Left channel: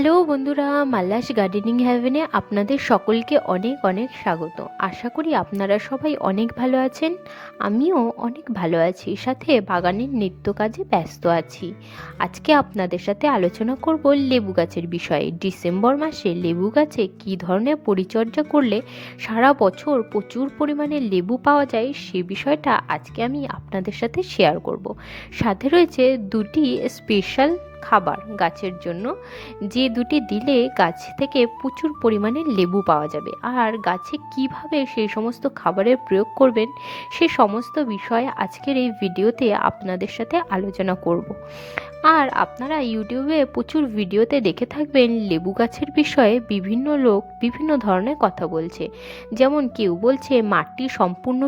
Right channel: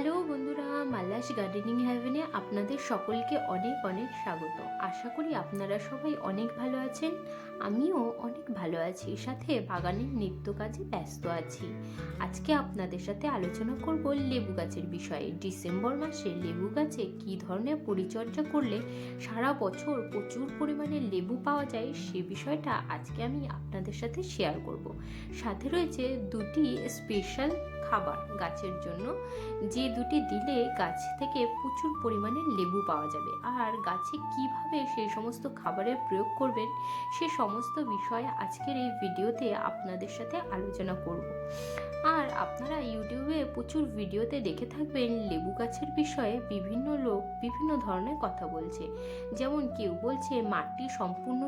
Hello বন্ধুরা, মাল্লাস gardening হ্যাভেনে আপনাদের সকলকে অনেক অনেক স্বাগত। আশা করি আপনারা সবাই অনেক ভালো আছেন। আমিও অনেক ভালো আছি, সাথে বাগানের নিত্য কাজে ব্যস্ত আছি। আজকে আপনাদের সাথে আলোচনা করব লেবু গাছের বিষয়ে। ডিসেম্বর মাসে লেবু গাছে কী ধরনের পরিচর্যা করলে সারা বছর প্রচুর পরিমাণে লেবু পাওয়া যায়, সে বিষয়টা আজকে আমি আপনাদের সাথে শেয়ার করব। সাথে রয়েছে দুটি স্পেশাল খাবার গাছের জন্য, যে দুটি দিলে গাছ থেকে প্রচুর পরিমাণে লেবু পাওয়া যাবে। আর গাছে কিভাবে সেই সমস্ত খাবারের প্রয়োগ করবেন, সে সমস্ত বিষয়ে আজকের এই ভিডিওতে আপনাদের সাথে আলোচনা করব। আর আপনারা ইউটিউবে প্রচুর ভিডিওতে দেখে থাকবেন লেবু গাছের বিষয়ে বিভিন্ন লোক বিভিন্ন ধরনের কথা বলছে। যেমন কেউ বলছে মাটি সম্পূর্ণ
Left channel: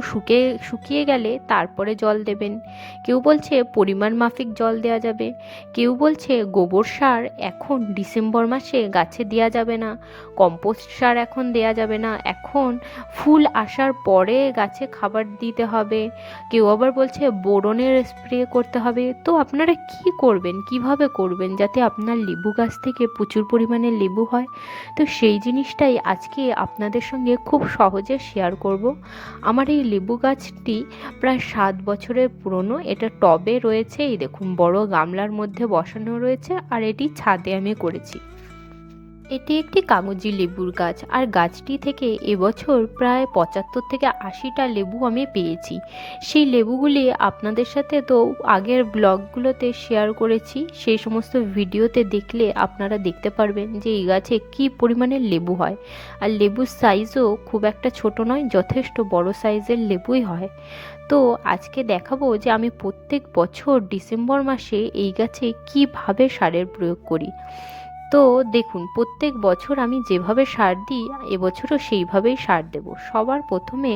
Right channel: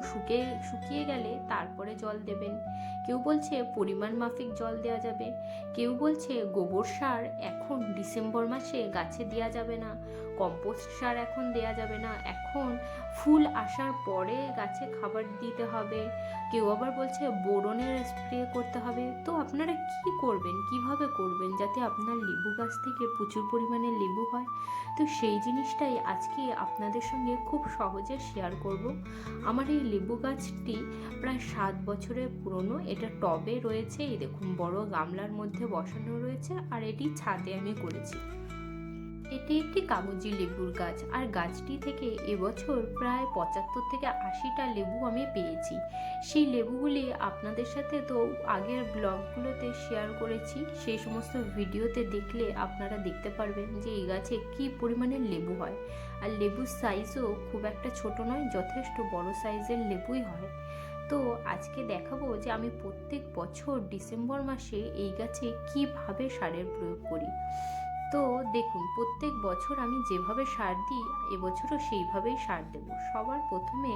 শুকিয়ে গেলে তারপরে জল দেবেন, কেউ বলছে পরিমাণ মাফিক জল দেওয়া যাবে, কেউ বলছে গোবর সার এখন ডিসেম্বর মাসে গাছে দেওয়া যাবে না, কম্পোস্ট সার এখন দেওয়া যাবে না, এখন ফুল আসার পরে গাছে খাবার দিতে হবে, কেউ আবার বলছে বোরনের স্প্রে করতে হবে। তো আপনারা কি করবেন, কিভাবে করবেন যাতে আপনার লেবু গাছ থেকে প্রচুর পরিমাণে লেবু হয়? তো সেই জিনিসটাই আজকে আপনাদের সঙ্গে খুব সহজে শেয়ার করব। আমার এই লেবু গাছটি প্রায় 7 বছরের পুরনো। এটা টবে রয়েছে, এই দেখুন বড় গামলার মধ্যে বসানো রয়েছে, আর এটি ছাদে আমি করেছি। এটি একটি কাগজি লেবুর গাছ, আর গাছটি থেকে এবছর প্রায় 75 থেকে 80টা লেবু আমি পেয়েছি। সেই লেবুগুলি আপনাদের সাথে তো আগের ব্লগগুলোতে শেয়ার করেছি, সেই সমস্ত ভিডিওতে দেখলে আপনারা দেখতে পারবেন যে এই গাছে কী পরিমাণে লেবু হয়। আর লেবুর সাইজও খুব একটা ছোট নয়, যথেষ্ট বড় সাইজের লেবুই হয়। তো আজকে দেখাবো যে আমি প্রত্যেক বছর ডিসেম্বর মাসে এই গাছে কিভাবে সারের প্রয়োগ করি। তো দেখুন, প্রত্যেক বছর আমি যেভাবে সার দিই এবছরও সেইভাবেই সার দেব। সবার প্রথমে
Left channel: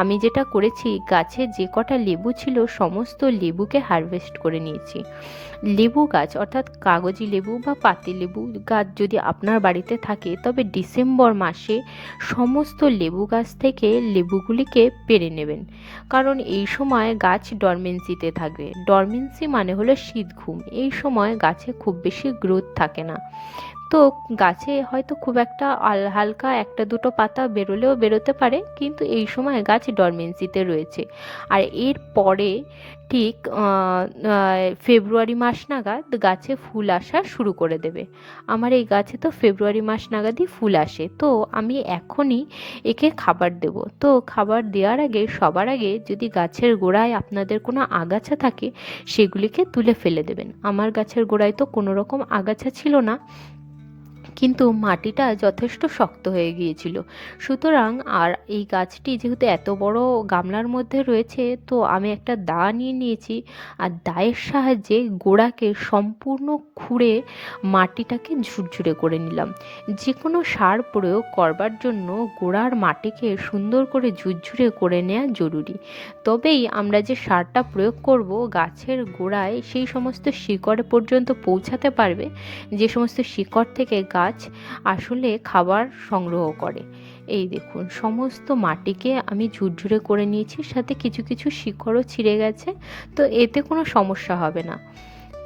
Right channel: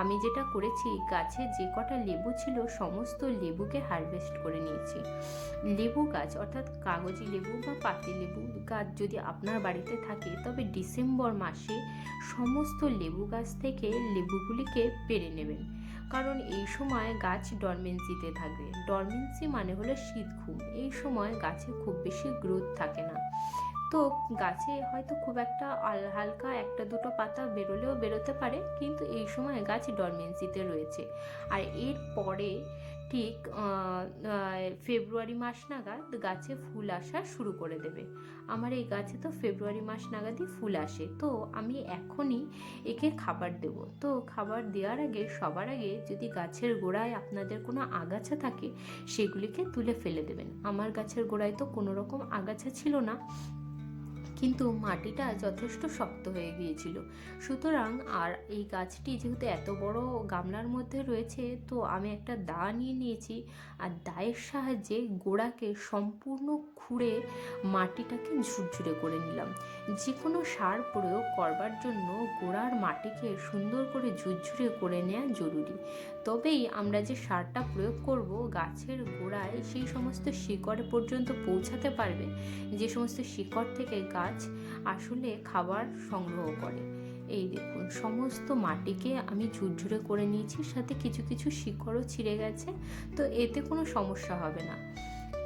আমি যেটা করেছি, গাছে যে কটা লেবু ছিল সমস্ত লেবুকে হারভেস্ট করে নিয়েছি। লেবু গাছ অর্থাৎ কাগজি লেবু বা পাতি লেবু গাছ যদি আপনার বাড়িতে থাকে, তবে ডিসেম্বর মাসে সমস্ত লেবু গাছ থেকে লেবুগুলিকে পেড়ে নেবেন, কারণ এই সময় গাছ ডরমেন্সিতে থাকবে। ডরমেন্সি মানে হলো শীত ঘুম। এই সময় গাছে খুব বেশি গ্রোথ থাকে না। তো গাছে হয়তো খুব একটা হালকা একটা দুটো পাতা বেরোলেও বেরোতে পারে, কিন্তু এই সময় গাছ ডরমেন্সিতে রয়েছে। আর এর পরে ঠিক ফেব্রুয়ারি মাস নাগাদ গাছে ফুল আসা শুরু করে দেবে। আমার এই গাছে তো ফেব্রুয়ারি মাস নাগাদই ফুল আসে। তো আমি এখনই একে খাবার দেব। তো খাবার দেওয়ার আগে সবার আগে যদি গাছের গোড়ায় আপনাদের কোনো আগাছা থাকে, সেগুলিকে তুলে ফেলে দেবেন। আমার গাছের গোড়ায় তো কোনো রকম আগাছা ছিল না, কিন্তু মাটিটা যথেষ্ট শক্ত হয়ে গিয়েছিল। সুতরাং আর এই গাছটি যেহেতু এত বড় গামলার মধ্যে রয়েছে, তো আমি একটা দা নিয়ে নিয়েছি, আর দায়ের সাহায্যে গোড়াকে সম্পূর্ণ খুঁড়ে মাটিটাকে ঝুরঝুরে করে নিলাম। যে কোনো সার প্রয়োগ করবার জন্য গোড়ার মাটিকে সুন্দর করে ঝুরঝুরে করে নেওয়া জরুরি। তবেই আমরা যে সারটা প্রয়োগ করব গাছের গোড়ায় সেই সমস্ত শিকড় পর্যন্ত পৌঁছাতে পারবে, যে সমস্ত শিকড় থেকে গাছ আসলে খাবার সংগ্রহ করে। এই দেখুন, সমস্ত মাটিকে আমি ঝুরঝুরে করে নিয়েছি, সাথে কিছু কিছু শিকড়ও ছিঁড়ে গেছে। তো এতে কোনো সমস্যা হবে না।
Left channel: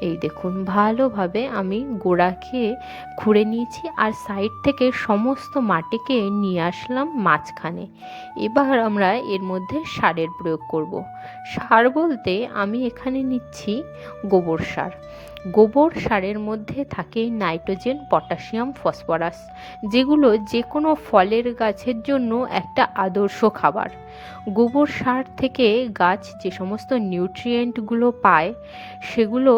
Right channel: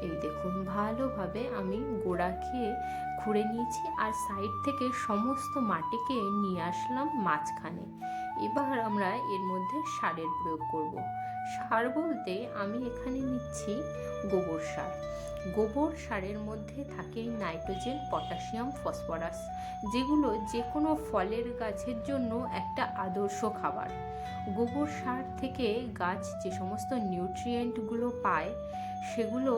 এই দেখুন, ভালোভাবে আমি গোড়াকে খুঁড়ে নিয়েছি, আর সাইড থেকে সমস্ত মাটিকে নিয়ে আসলাম মাঝখানে। এবার আমরা এর মধ্যে সারের প্রয়োগ করব। সার বলতে আমি এখানে নিচ্ছি গোবর সার। গোবর সারের মধ্যে থাকে নাইট্রোজেন, পটাশিয়াম, ফসফরাস, যেগুলো যে কোনো ফলের গাছের জন্য একটা আদর্শ খাবার। গোবর সার থেকে গাছ যে সমস্ত নিউট্রিয়েন্টগুলো পায়, সেগুলো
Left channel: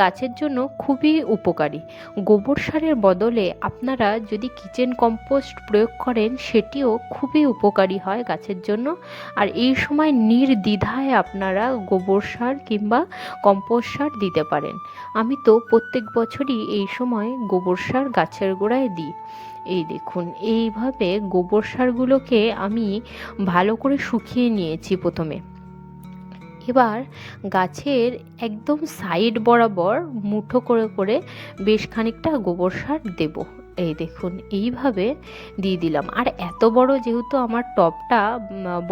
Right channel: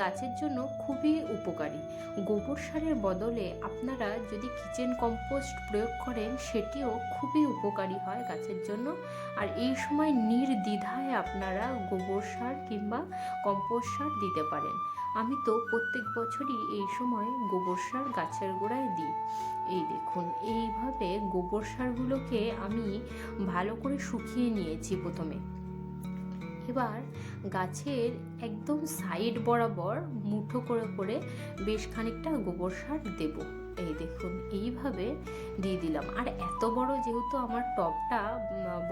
গাছের জন্য খুবই উপকারী। গোবর সারের বদলে আপনারা যদি কিচেন কম্পোস্ট প্রয়োগ করেন, সেটিও খুবই উপকারী হয় গাছের জন্য। আর এই সময় নির্দ্বিধায় আপনারা গোবর সার কিংবা কম্পোস্ট সার দিতে পারেন। আমি তো প্রত্যেক বছরই এই সময় গোবর সার গাছের গোড়ায় দিই। এই দেখুন, এইভাবে গোবর সারগুলোকে আমি ভালো করে শুকিয়ে নিয়েছি প্রথমে। এবার গাছের একদম সাইড বরাবর মুঠো করে করে বেশ খানিকটা গোবর সার দেব। এই দেখুন এইভাবে দিয়ে দিলাম। আর এত বড় যেহেতু আমার টবটা,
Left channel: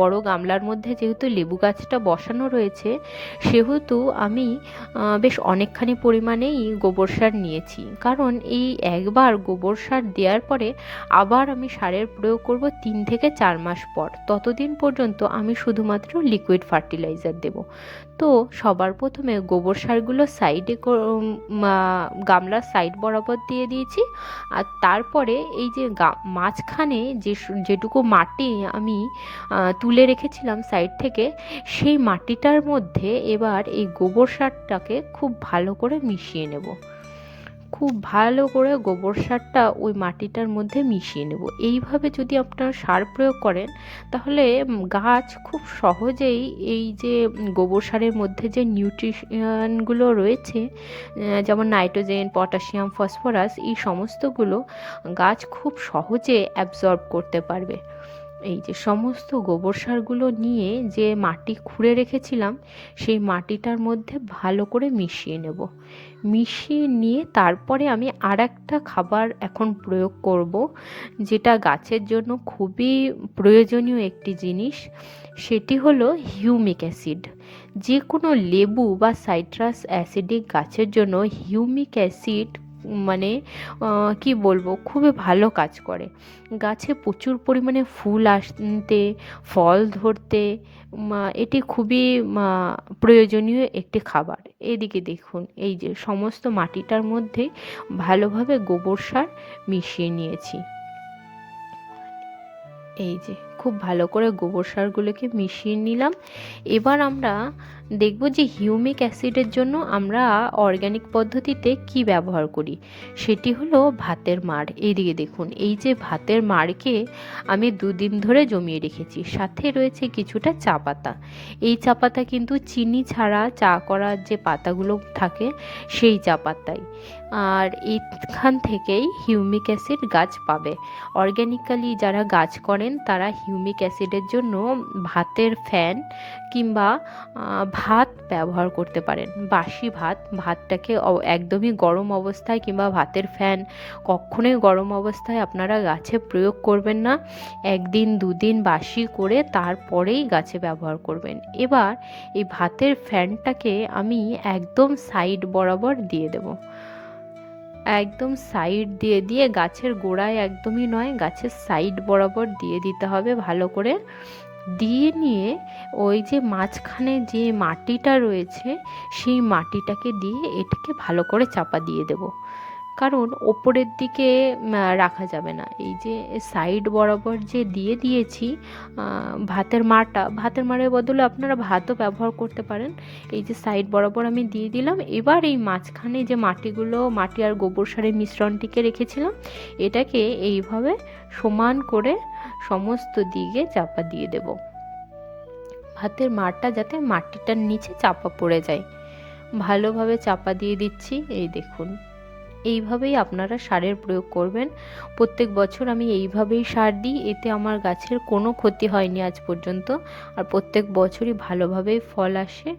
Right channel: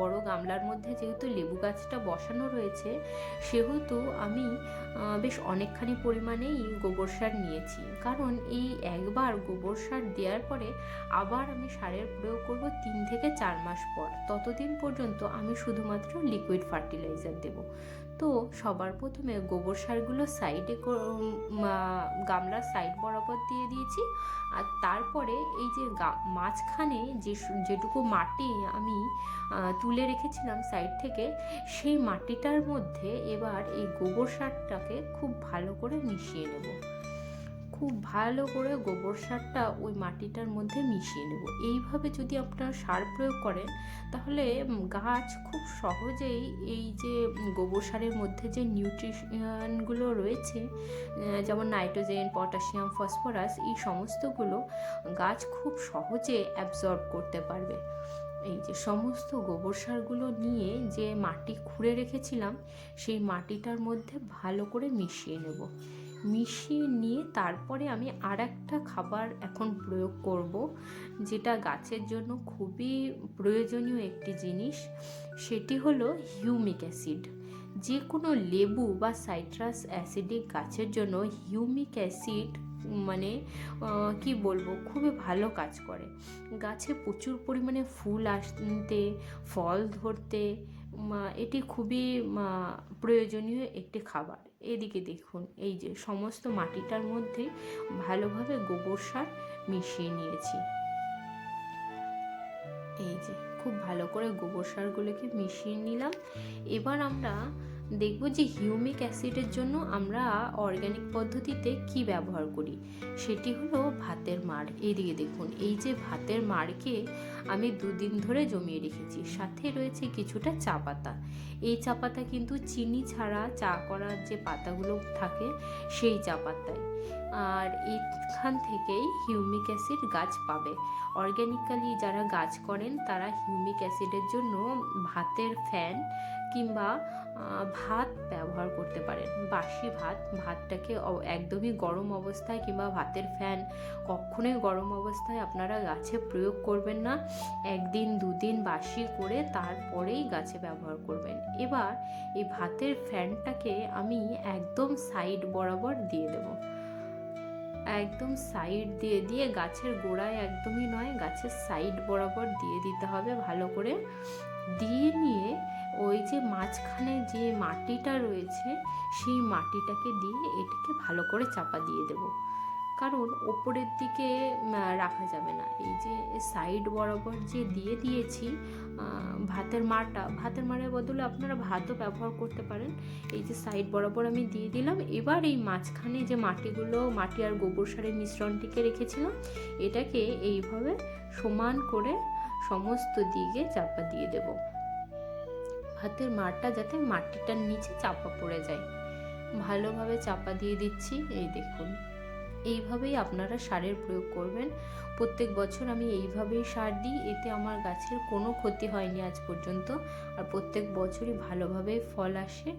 বড় গামলার মধ্যে যেহেতু লেবু গাছটা বসানো রয়েছে, সেহেতু আমি বেশ অনেকখানি পরিমাণেই গোবর সার নিয়েছি। কারণ এই একবার গোবর সার দেওয়ার পরে আবার আমি সারের প্রয়োগ করব 3 থেকে 4 মাস পর। ততদিন পর্যন্ত আমি শুধুমাত্র লিকুইড ফার্টিলাইজার দেব। তো সবার প্রথমে গোবর সারগুলো সাইডে গামলার সাইড বরাবর দিয়ে দিয়েছি। আর তারপরে এই যে মাঝখানে যেটুকু মাটি আমি তুলে রেখেছিলাম সাইড থেকে, সেই মাটিটার মধ্যে এবার এই গোবর সারটাকে খুব ভালো করে মিশিয়ে নেব। খুব ভালো করে গোবর সারটা ওই মাটিটার মধ্যে মিশিয়ে নেব। এইভাবে যদি আপনারা সার প্রয়োগ করেন, তাহলে গাছ খুব সহজেই এই যে গোবর সারের মধ্যে যে নিউট্রিশনগুলো রয়েছে, যেমন নাইট্রোজেন, পটাশিয়াম, ফসফরাস, এই সমস্তগুলো গাছ খুব সহজে অ্যাবজর্ব করতে পারবে। এই যে সমস্ত গোবর সারগুলো নিয়ে যে মাটি খুঁড়ে রেখেছিলাম, সেই মাটিটার মধ্যে ভালো করে মিশিয়ে নেব। মিশিয়ে নিয়ে তারপরে আমি আর একটা খাবার এখন প্রয়োগ করব, যেটা গাছের জন্য খুবই প্রয়োজনীয় একটি জিনিস। সেটি হলো হিউমিক অ্যাসিড। যে কোনো লেবু বা সাইট্রাস অ্যাসিডিক গাছের জন্য হিউমিক অ্যাসিড মানে কি বলবো, খুবই ভালো কাজ করে। গাছে প্রচুর পরিমাণে ফুল আসতে, ফল ধরতে এটি খুবই প্রয়োজনীয় একটি খাবার। এদিকে দেখুন, এই যে সমস্ত মাটিটার মধ্যে ভালোভাবে গোবর সার মিশিয়ে নিয়েছি। এই যে খুব ভালো করে গোবর সারগুলোকে মিশিয়ে নিলাম। এবার আমরা দেখব যে হিউমিক অ্যাসিডের জন্য আমরা অর্গ্যানিক পদ্ধতিতে কি ব্যবহার করি। সেটি হলো ভাতের মাড়। এইদিকে দেখুন, এই যে ভাতের মাড়কে আমি 2 দিন ধরে জমিয়ে রেখেছি। সাথে রয়েছে কিছুটা চা পাতা। এই চা পাতা কিন্তু চিনি ছাড়া চা করার যে পাতাগুলো থাকে, সেই চা পাতাই। আর এইখান থেকেই হিউমিক অ্যাসিড গাছ পাবে। অর্গ্যানিক্যালি যারা গাছ করেন, তারা হিউমিক অ্যাসিডের জন্য ভাতের ফ্যান কিংবা ভাত ব্যবহার করতে পারেন। বাসি ভাতটাকে একদমই গরম অবস্থায় কিংবা ভাতের ফ্যান কখনোই গরম অবস্থায় আপনারা গাছে প্রয়োগ করবেন না। 1 দিন 2 দিন বাসি করে তারপরেই গাছে ব্যবহার করবেন। এবার এই ভাতের ফ্যানটাকে আমি একদম সাইড বরাবর দিয়ে দেব। একদম সাইড দিয়ে দিয়ে গাছের গোড়ায় একদমই নয়, গাছের সাইড বরাবর দিয়ে দিতে হবে ভালো করে। দিয়ে নিয়ে ওই যে মাঝখানে যে মাটিটা রয়েছে, সেই মাটিটাকে দিয়ে এটাকে ভালো করে চাপা দিয়ে দেব। কারণ ওপরের দিকে রাখা যাবে না। এই যে সাইড বরাবর যে দিয়ে দিয়েছি ভাতের মাড়ের বদলে আপনারা ভাতও ব্যবহার করতে পারেন। এই যে সাইড বরাবর আমি দিয়ে দিলাম। এবার এই মাঝখানে যে মাটি আর গোবর সারের মিশ্রণটিকে রেখেছিলাম, এটাকে এইভাবে সমান করে সমস্ত দিকে চাপা দিয়ে দেব। ভাতের মাড়টা যাতে মাটিটার নিচে চাপা পড়ে যায়, ভালোভাবে চাপা দিয়ে দিচ্ছি। এই দেখুন, এইভাবেই আপনারা সারের প্রয়োগ করবেন। প্রত্যেক বছর আমি এইভাবেই সার দিই, এতে আমার গাছের কোনো ক্ষতি হয়নি আজ পর্যন্ত। আর প্রত্যেক বছরই ভালোভাবেই ফল আসে।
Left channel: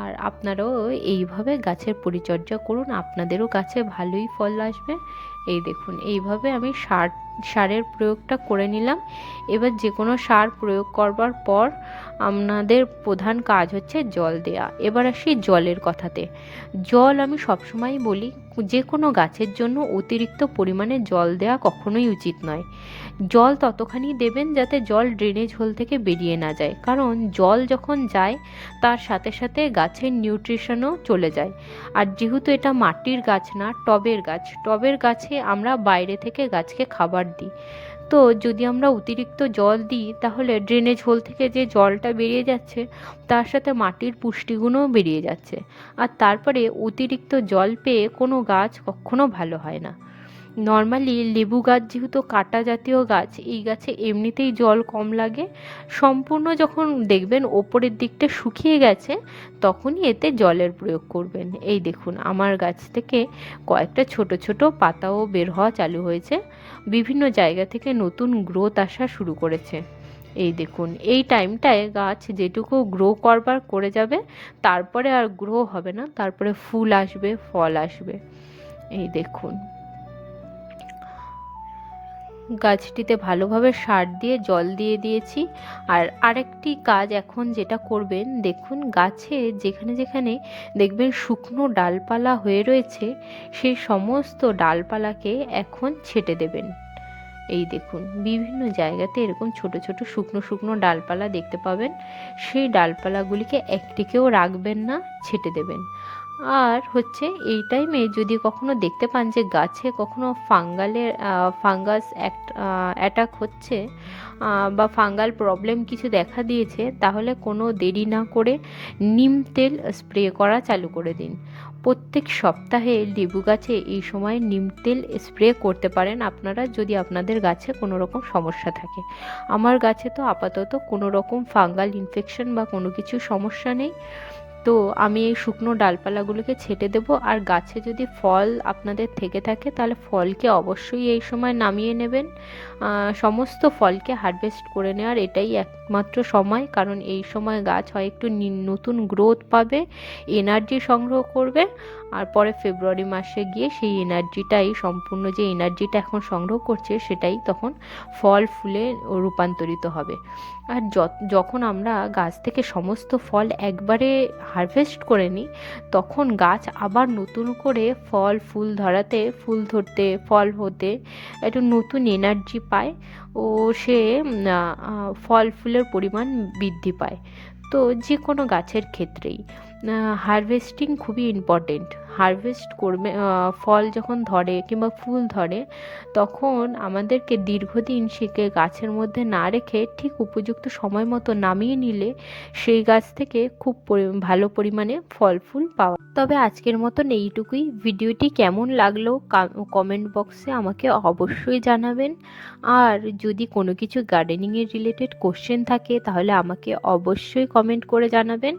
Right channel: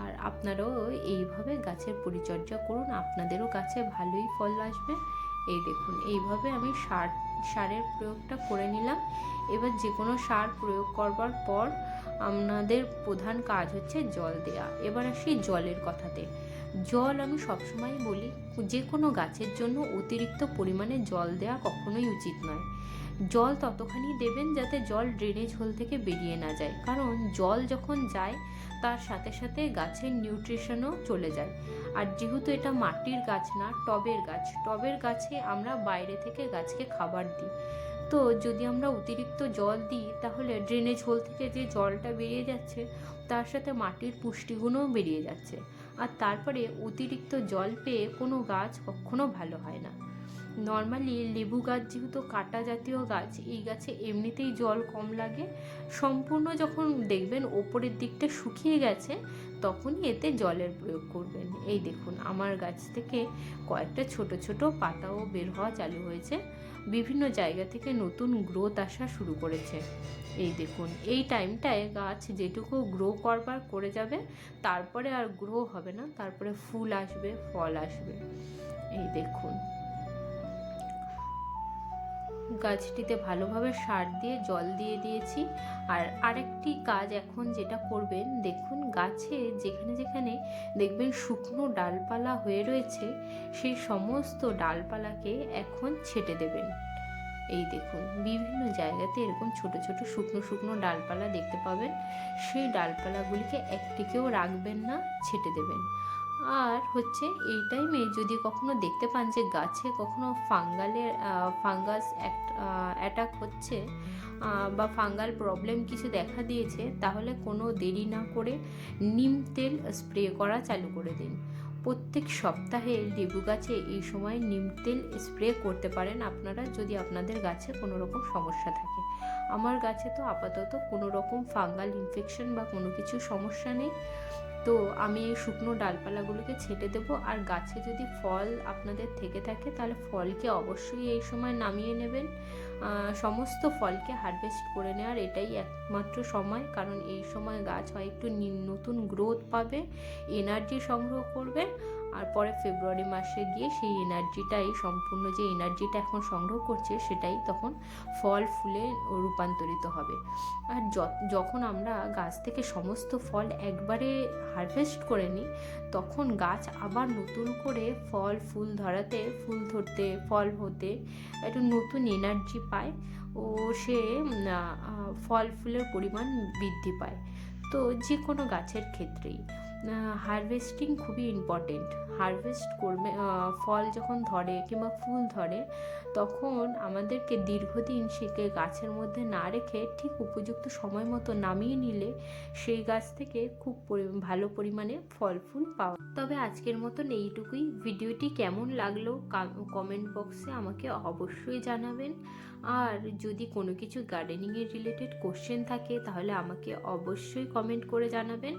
আর আপনারাও এইভাবে গাছের পরিচর্যা করুন, আপনাদেরও গাছে ভালোই ফল আসবে। এই দেখুন, এইভাবে আমি সারের প্রয়োগটা করে নিলাম। এবার যে কোনো সার প্রয়োগ করবার পর আপনাদের প্রধান কাজ হচ্ছে জল দেয়া। এবার আসি জলের কথাতে। জল আমি সবসময় বলি, যে কোনো গাছের জন্য অতিরিক্ত পরিমাণে জল দেওয়া কখনোই উচিত নয়। জল ততখানি দেবেন যাতে জল ড্রেনেজ হোল থেকে বেরিয়ে না যায়। কারণ জল যখন যায়, তার সাথে সাথে গাছের নিউট্রিশনও চলে যায়। আর যেহেতু এটা মাটির গাছ না, টবের গাছে আমরা বাইরে থেকে গাছকে খাবার দিই। তো যদি আমরা অতিরিক্ত জল দিই, তাহলে ড্রেনেজ হোল থেকে যে জলটা বেরিয়ে যাচ্ছে, তার সাথে মাটির পুষ্টিগুণও বেরিয়ে যাচ্ছে। আর তারপরে অতিরিক্ত জল পেয়ে কোনো গাছ কখনো ভালো হয় না। নর্মালি লেবু গাছ যেহেতু কাঁটা জাতীয় গাছ, এই গাছে এমনিতেই জল কম লাগে। সম্পূর্ণ যখন দেখবেন ওপরের দিকটা শুকিয়ে গেছে, তখনই এতে জলের প্রয়োগ করবেন। এই দেখুন, আমার গাছ থেকে কয়েকটা ছোট ছোট পাতাও বের হওয়া চালু হয়েছে। বিভিন্ন জায়গা থেকে নতুন গ্রোথ আসা শুরু করেছে। এই দেখুন, এই টাইমটায় গাছ যেটুকু গ্রো করবার করে যাবে, তারপরে আর গ্রো হবে না, তারপরে ফুল আসবে, ফল আসবে। এই দেখুন, গাছটিতে ভালোভাবে সার দিয়ে জল দিয়ে দিয়েছি। আর আরেকটি কাজ এখন যেটা করবেন, দেখুন গাছে যেখানে যেখানে দেখবেন শুকনো ডালপালা হয়ে রয়েছে, সেই সমস্ত ডালপালাকে এখন ছেঁটে দেবেন। এই দেখুন বিভিন্ন জায়গাতে এরকম ছোট ছোট শুকনো শুকনো ডালপালা দেখতে পাবেন, সেই ডালপালাগুলিকে একটিকেও রাখবেন না, ছেঁটে দেবেন। আর হচ্ছে এই টাইমে যদি কখনো দেখতে পান যে গাছে কখনো ফাঙ্গাস অ্যাটাক হচ্ছে বা ফাঙ্গাল প্রবলেম কিছু দেখা দিয়েছে, তাহলে কোনো দেরি না করে নিম তেল স্প্রে করা চালু করে দিন। প্রত্যেক সপ্তাহে লেবু গাছে এই সময় নিম তেল স্প্রে করতে পারেন আপনারা, যদি আপনাদের গাছে কোনো রকম সমস্যা থাকে। আমার গাছে তো আপাতত কোনো রকম ফাঙ্গাল ইনফেকশন বা কোনো কিছু সমস্যা নেই, তো আমি এই শুকনো ডালপালাগুলোকে ছেঁটে দেবো। আর গাছে যদি ফল আপনাদের থেকে থাকে তাহলে ফলকে অবশ্যই এই সময় নামিয়ে নেবেন। সমস্ত ফলকে হারভেস্ট করে নেওয়ার এটাই একমাত্র সময়, কারণ এই সময় গাছ হয় একটু নতুন গ্রোথ পাবে, এনার্জি সংগ্রহ করবে, আর পরে ফেব্রুয়ারি মাসে গিয়ে সেই এনার্জিটাই, সম্পূর্ণ যে এনার্জিটা এখন সংগ্রহ করছে সেটাই তখন ফল ফুলে রূপান্তরিত হবে। আর যখন আমরা গাছ থেকে সমস্ত ফল একবারে হারভেস্ট করে নিই, তখন গাছ আবার নতুন করে ফল ফুল ধরাতে, ফুল ধরতে, ফল হতে একটু নতুন এনার্জি পায়, ও সে ফল ফুলের পরিমাণ বৃদ্ধি পায়। তো যে কোনো গাছের ক্ষেত্রেই হারভেস্টিং খুবই ইম্পর্টেন্ট। হারভেস্ট করবে, ফল যখন ধরে কিংবা ফুল ধরে, তখন আমাদেরকে দীর্ঘদিন সেকে গাছের মধ্যে না রেখে ঠিক উপযুক্ত সময় মতো নামিয়ে নিলে সেই গাছ থেকে খুব ভালো পরিমাণে ফল ফুল পাওয়া। তবে আজকের মতন এইটুকুই। ভিডিওটি কেমন লাগলো কমেন্ট বক্সে আমাকে অবশ্যই জানাবেন। আর যদি কোনো কিছু গার্ডেনিংয়ের রিলেটেড কোশ্চেন থাকে তাহলে আমাকে অবশ্যই কমেন্ট করে জানাবেন।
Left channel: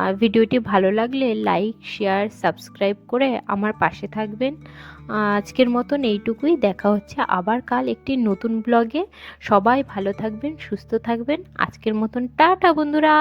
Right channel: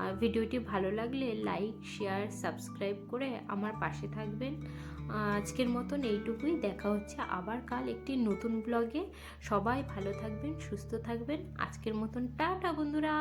আর ভিডিওটি ভালো লাগলে লাইক, শেয়ার, সাবস্ক্রাইব করে আমার পাশে থাকবেন। আজকের মতন এইটুকুই। দেখা হচ্ছে আবার কাল একটি নতুন ব্লগে। সবাই ভালো থাকবেন, সুস্থ থাকবেন। আজকের মতন টাটা বন্ধুরা।